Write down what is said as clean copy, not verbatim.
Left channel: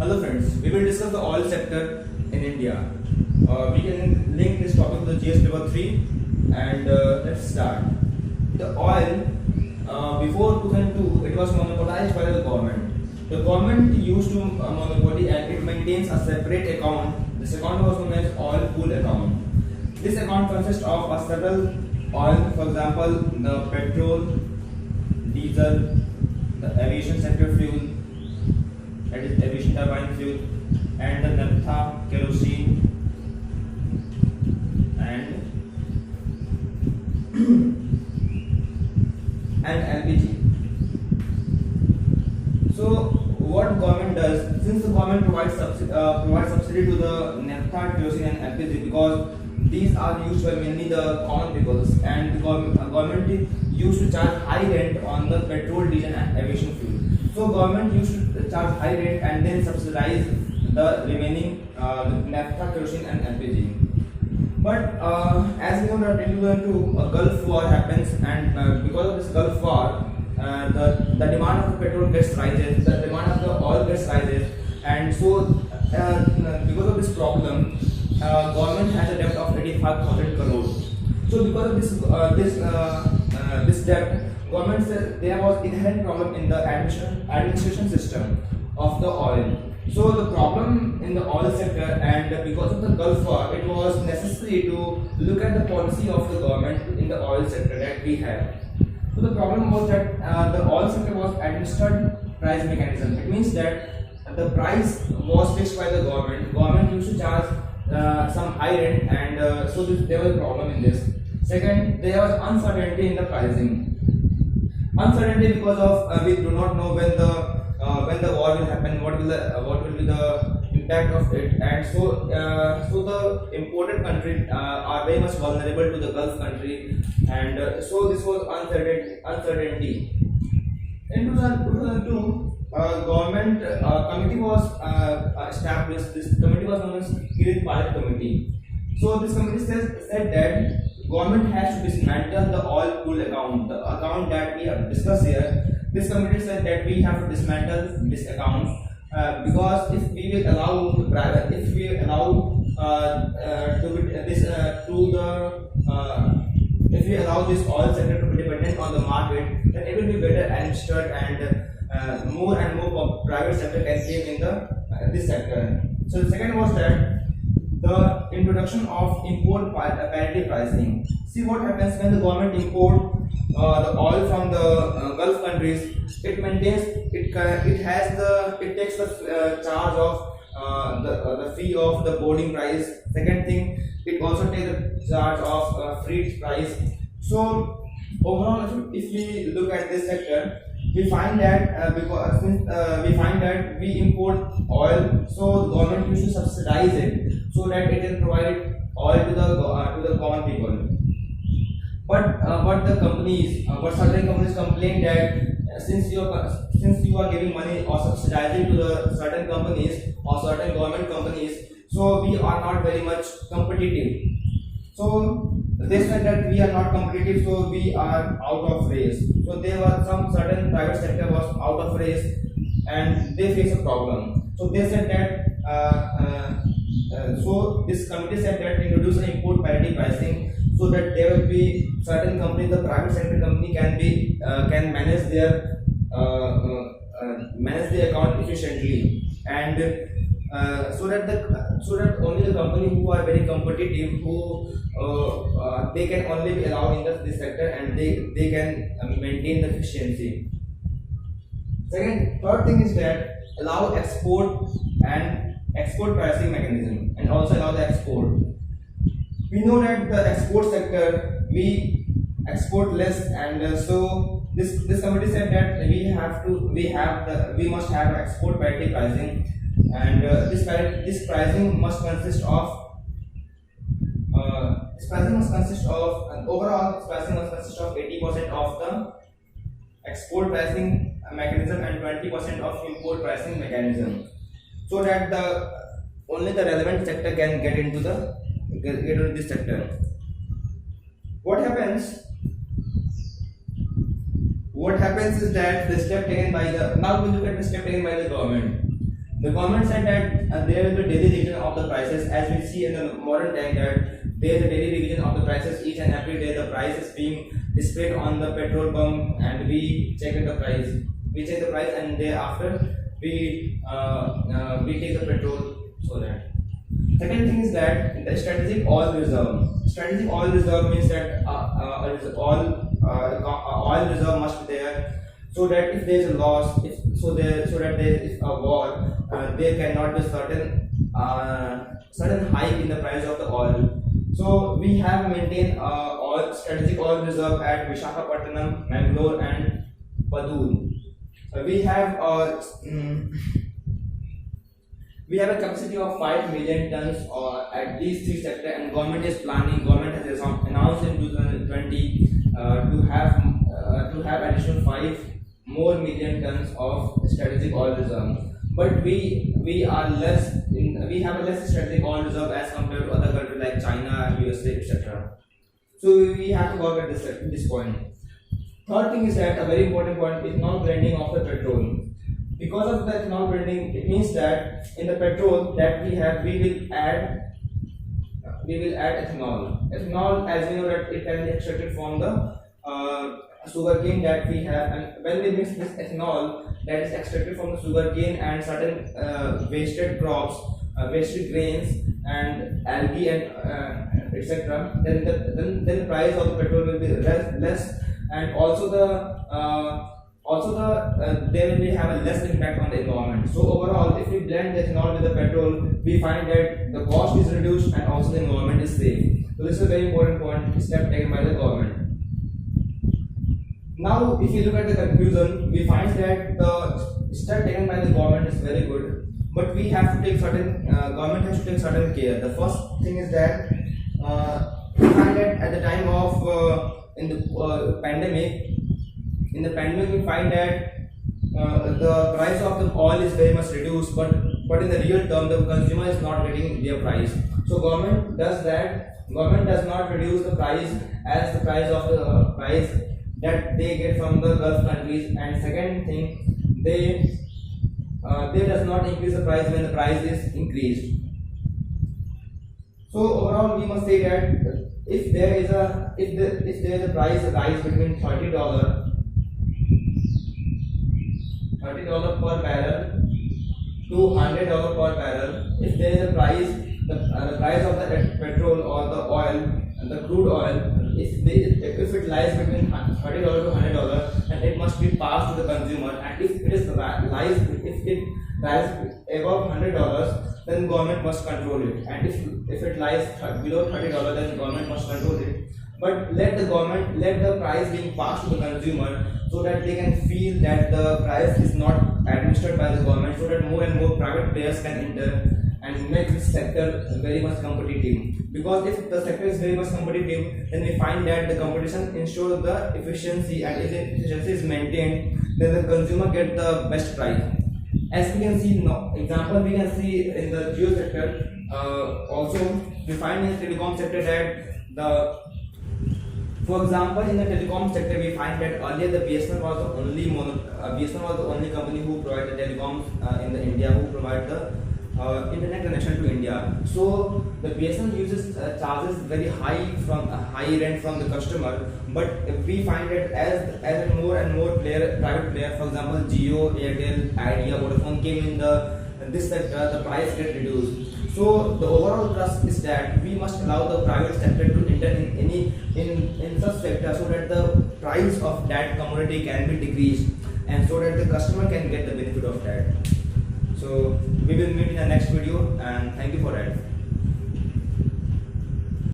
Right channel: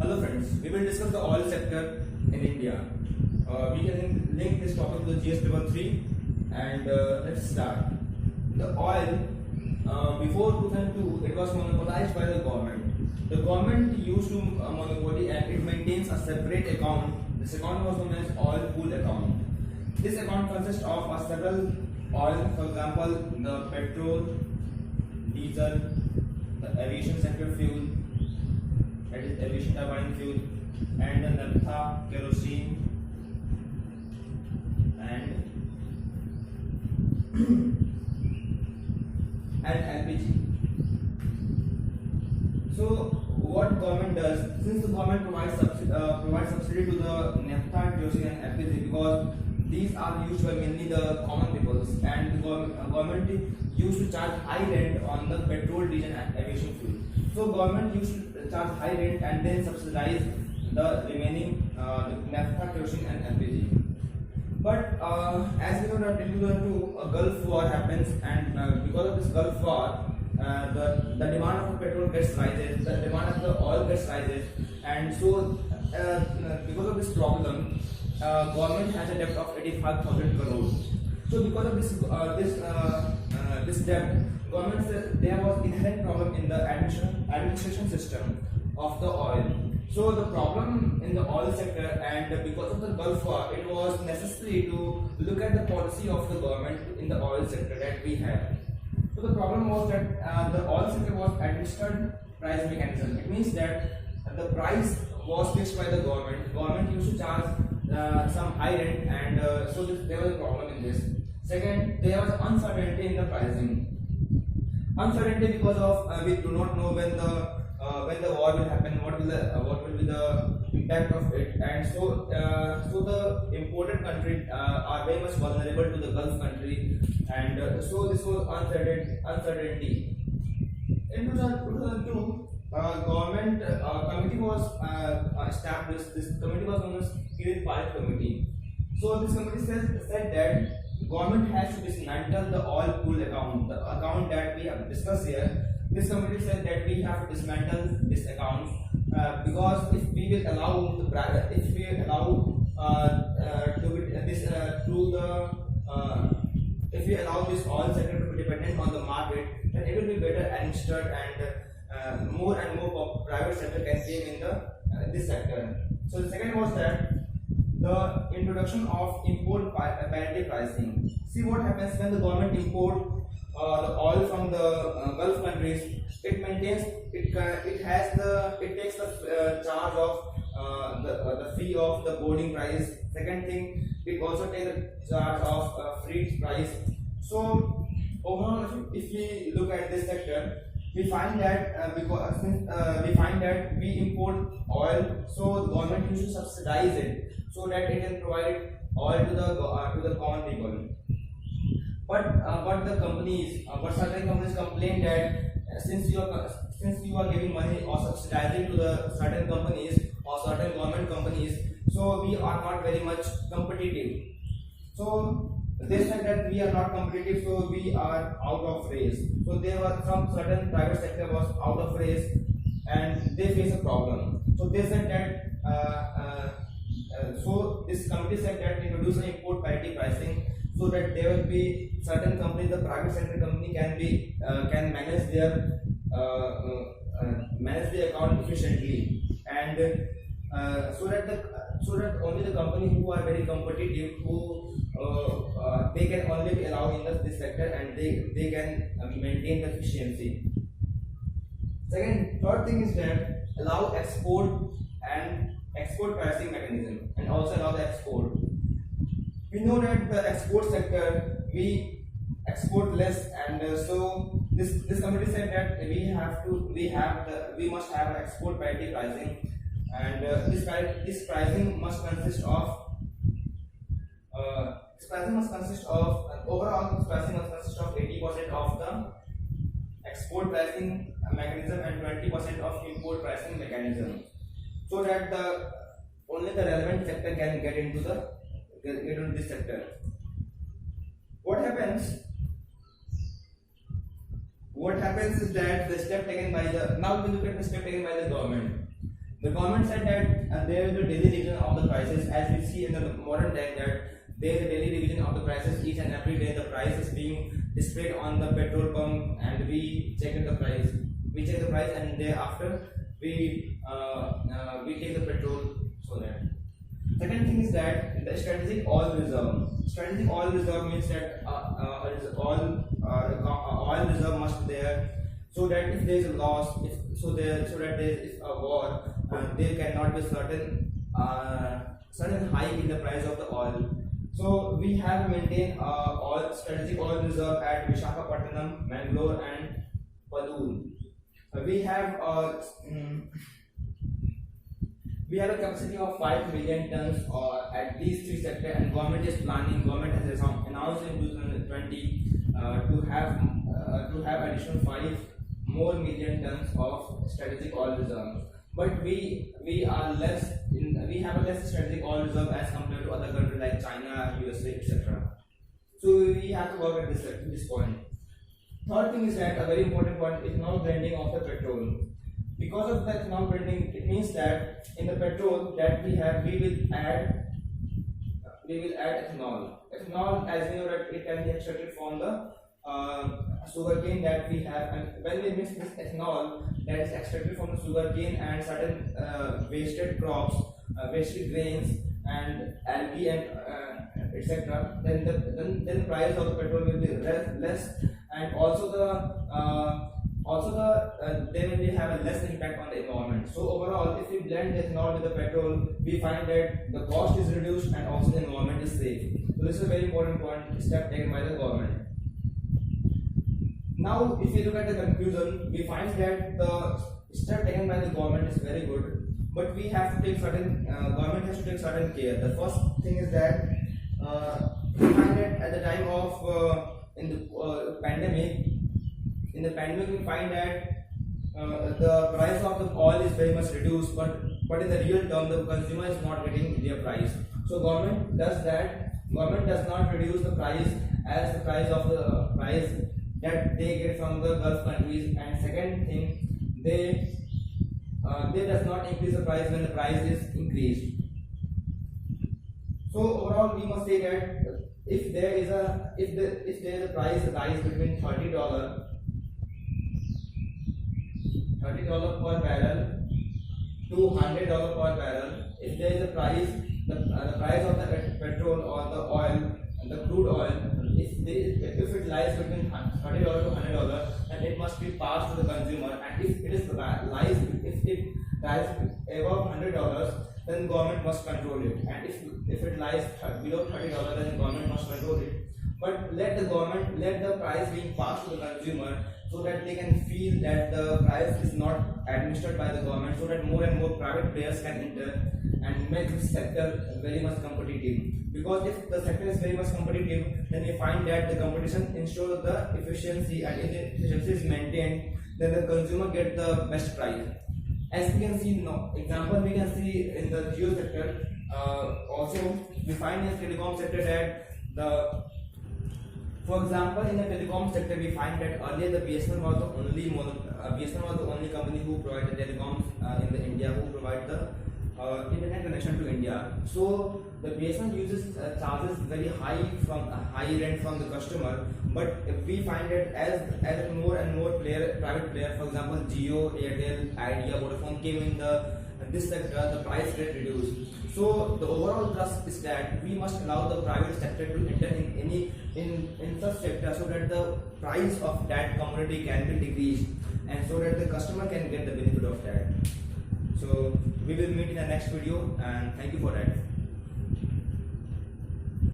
Hello friends, we will discuss the oil sector in India. We can link this topic to the GS paper 3 and let's start. The oil, before 2002, it was monopolized by the government. The government used to monopoly and it maintains a separate account. This account was known as oil pool account. This account consists of several oil, for example, the petrol, diesel, the aviation sector fuel, that is aviation turbine fuel, and the naphtha, kerosene, and LPG. So what government does, since the government provides subsidy to the naphtha, kerosene, and LPG, because these are used by mainly the common peoples, and the government used to charge high rent on the petrol, diesel, and aviation fuel. So government used to charge high rate and then subsidize the remaining naphtha, kerosene, and LPG. But as we know that in 2002 a Gulf War happens, and because of this Gulf War, the demand of the petrol gets rises, the demand of the oil gets rises, and so because of this problem, government has a debt of 85,000 crores. So because of this debt, government said there was inherent problem in the administration system of the oil. So the problem in the oil sector, and because of the Gulf War, it was necessary to look at the policy of the government in the oil sector that we had. So the problem was that the oil sector was administered price mechanism. It means that the price was fixed by the government. Government used to charge some high rent, and so there was a problem in this. Second, there was uncertainty in the pricing. Uncertainty because of we do not know when the war will happen, what will be the impact of it, and so the imported countries are very much vulnerable to the Gulf country, and so this was uncertainty. In 2002, government committee was established. This committee was known as Kirit Pilot Committee. So this committee said that government has to dismantle the oil pool account, the account that we have discussed here. This committee said that we have to dismantle this account because if we will allow the private, if we allow if we allow this oil sector to be dependent on the market, then it will be better administered, and more and more private sector can came in this sector. So the second was that the introduction of import parity pricing. See what happens when the government import the oil from the Gulf countries. It maintains it takes the charge of the fee of the boarding price. Second thing, it also takes the charge of freight price. So overall, if we look at this sector, we find that we import oil, so the government used to subsidize it so that it can provide oil to the common people. But certain companies complain that since you are giving money or subsidizing to the certain companies or certain government companies, so we are not very much competitive. So they said that we are not competitive, so we are out of race. So there were some certain private sector was out of race, and they face a problem. So they said that so this committee said that introduce an import parity pricing, so that there will be certain company, the private sector company can manage their account efficiently, and so that only the company who are very competitive, who they can only be allowed in this sector, and they can maintain the efficiency. Third thing is that allow export pricing mechanism, and also allow the export. We know that the export sector, we export less, and so this committee said that we must have export parity pricing, and this pricing must consist of overall this pricing must consist of 80% of the export pricing mechanism and 20% of import pricing mechanism, so that only the relevant sector can get into this sector. What happens is that the step taken by now we look at the step taken by the government. The government said that there is a daily revision of the prices, as we see in the modern time that there is a daily revision of the prices. Each and every day the price is being displayed on the petrol pump, and we check the price. We check the price, and thereafter we take the petrol. So that. Second thing is that the strategic oil reserve. Strategic oil reserve means that oil reserve must be there, so that if there is a loss, so that there is a war, there cannot be certain hike in the price of the oil. So we have maintained strategic oil reserve at Visakhapatnam, Mangalore, and Padur. We have a capacity of 5 million tons at these three sectors, and government has announced in 2020 to have additional 5 more million tons of strategic oil reserve. But we have a less strategic oil reserve as compared to other countries like China, USA, etc. So we have to work at this point. Third thing is that a very important point is ethanol blending of the petrol. Because of the ethanol blending, it means that in the petrol that we have, we will add ethanol. Ethanol, as we know, that it can be extracted from the sugarcane that we have, and when we mix this ethanol that is extracted from the sugarcane and certain wasted crops, wasted grains and algae and etc., then the price of the petrol will be less, and also they will have a less impact on the environment. So overall, if we blend the ethanol with the petrol, we find that the cost is reduced and also the environment is safe. So this is a very important point, step taken by the government. Now, if you look at the conclusion, we find that the step taken by the government is very good, but we have to take government has to take certain care. The first thing is that we find that at the time of in the pandemic, we find that the price of the oil is very much reduced, but in the real term, the consumer is not getting their price. So government does that. Government does not reduce the price as the price of the price that they get from the Gulf countries, and second thing, they does not increase the price when the price is increased. So overall, we must say that if there is a price rise between $30 per barrel to $100 per barrel, if there is a price, the price of the petrol or the oil, the crude oil, if it lies between $30 to $100, and it must be passed to the consumer, and if it lies above $100, then government must control it, and if it lies below $30, then government must control it. But let the price being passed to the consumer, so that they can feel that the price is not administered by the government, so that more and more private players can enter and make this sector very much competitive. Because if the sector is very much competitive, then we find that the competition ensures the efficiency, and if the efficiency is maintained, then the consumer get the best price. As we can see now, example we can see in the geo sector. Also, we find in the telecom sector that for example, in the telecom sector, we find that earlier the BSNL was the only company who provided telecoms in the India, who provide the internet connection to India. So the BSNL charges very high rent from the customer. But we find that as more and more private player, for example, Jio, Airtel, Idea, Vodafone came in this sector, the price get reduced. So the overall thrust is that we must allow the private sector to enter in such sector, so that the price of that commodity can be decreased, and so that the customer can get the benefit of that. So we will meet in the next video, and thank you for that.